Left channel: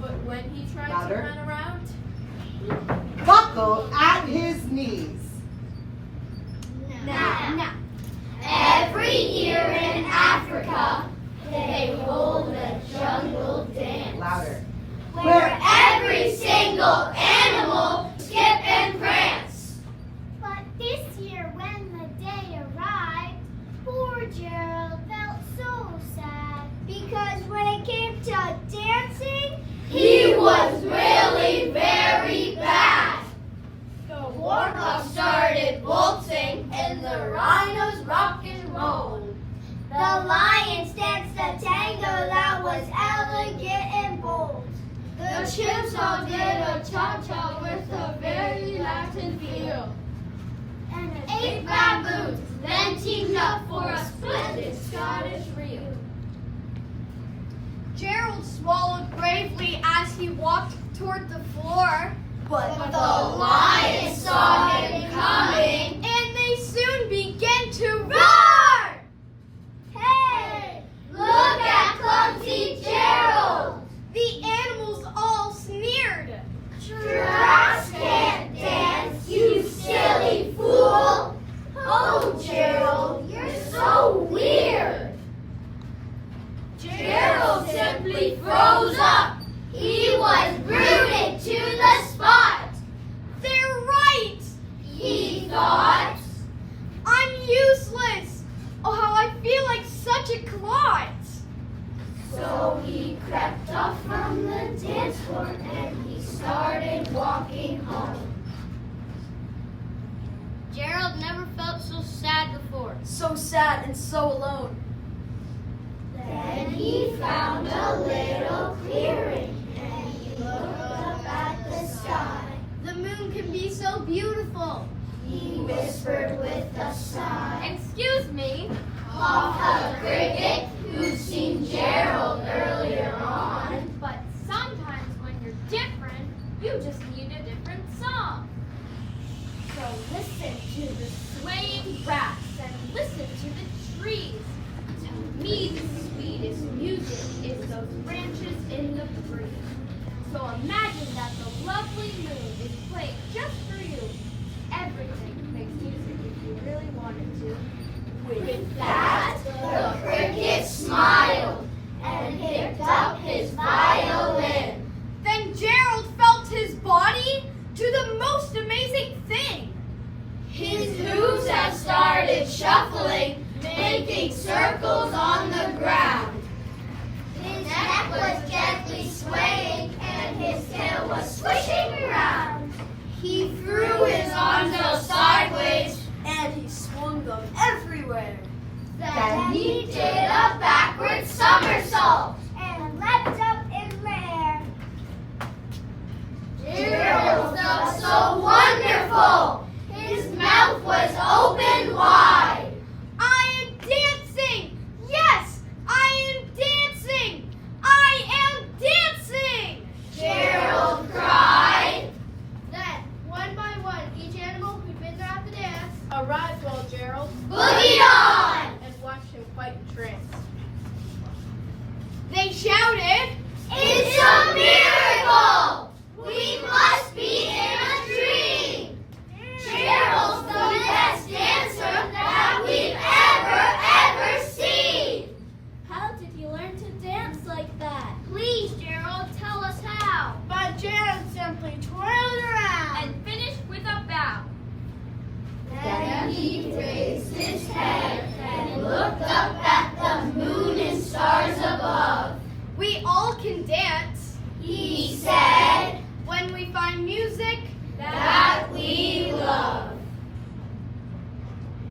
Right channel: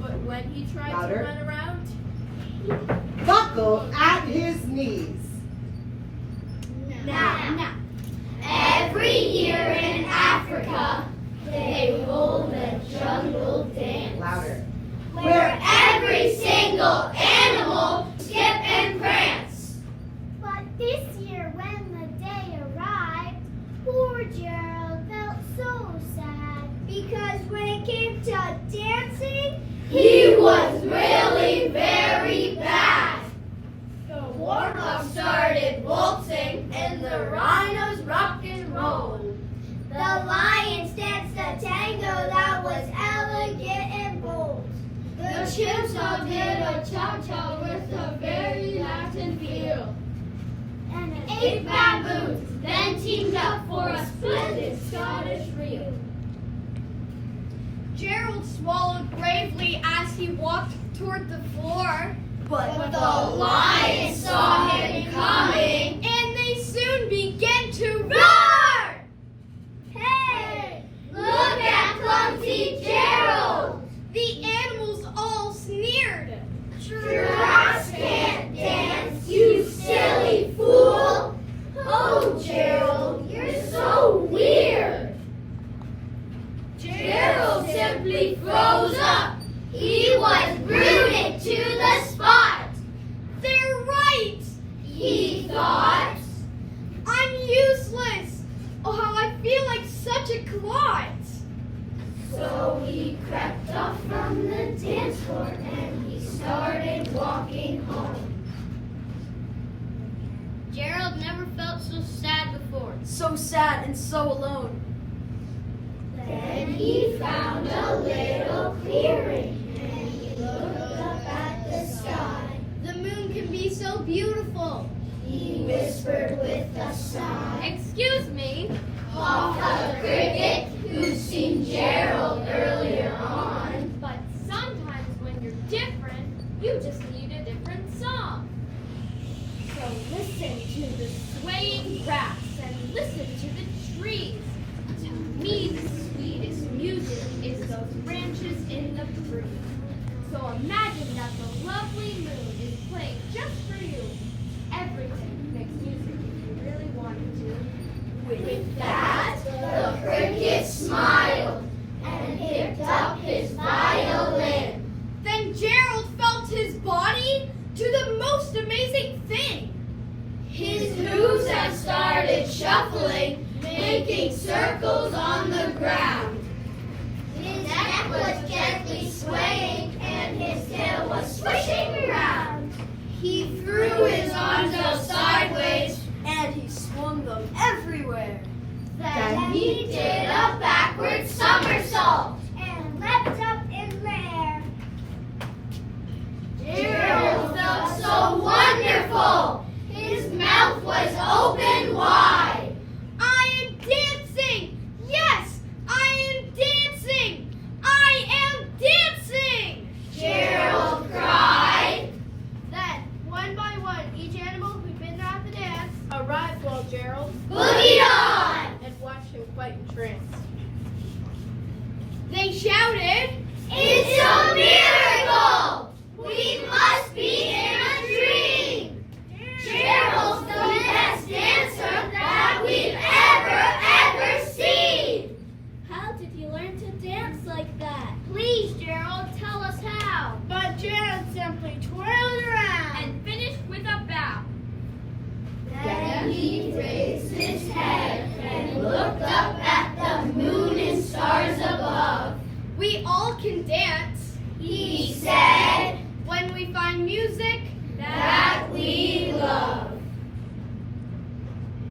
But when he tried to run around, buckled at his knees. Now, every year in Africa, they hold the jungle dance. Louder. Where every single animal skip and prance. But this year when the day arrived, poor Gerald felt so sad. Because when it came to dancing, he was really very bad. The warm-up started waltzing and the rhinos rock and roll. The lions danced a tango that was elegant and bold. The chimps all did a cha-cha with a very Latin feel. And 8 baboons then teamed up for a splendid Scottish reel. Gerald swallowed bravely as he walked toward the floor. But the lions saw him coming, and they soon began to roar! Hey, look at clumsy Gerald! The animals all sneered. Giraffes can't dance, you silly fool! Oh, Gerald, you're so weird! Gerald simply froze up. He was rooted to the spot. They're right, he thought. I'm useless. Oh, how I feel like such a clot. So he crept off from the dance floor and he started walking home. Gerald never felt so sad before. So sad and so alone. Then he found a little clearing and he looked up at the sky. The moon can be so beautiful, he whispered with a sigh. Excuse me, coughed the cricket who'd seen Gerald earlier on. But sometimes when you're different, you just need a different song. So listen to the swaying grass and listen to the trees. To me, the sweetest music is those branches in the breeze. So imagine that the lovely moon is playing just for you. Everything makes music if you really wanted to. With that, the cricket smiled and picked up his violin. Then Gerald felt his body do the most amazing thing. His hooves had started shuffling, making circles on the ground. His neck was gently swaying and his tail was swishing around. He threw his arms out sideways and he swung them everywhere. Then he did a backward somersault And leapt up in the air. Gerald felt so wonderful. His mouth was open wide. I am dancing! Yes, I am dancing! I am dancing! Gerald cried. Then, one by one, each animal who'd been at the dance arrived while Gerald boogied on! and watched him quite entranced. They shouted, "It's a miracle! We must be in a dream! Gerald's the best dancer that we've ever seen!" How did you learn to dance like that? Please, Gerald, tell us how. But Gerald simply twirled around. And finished with a bow. Then he raised his head and looked up at the moon and stars above. We all can dance, he said, when we find music that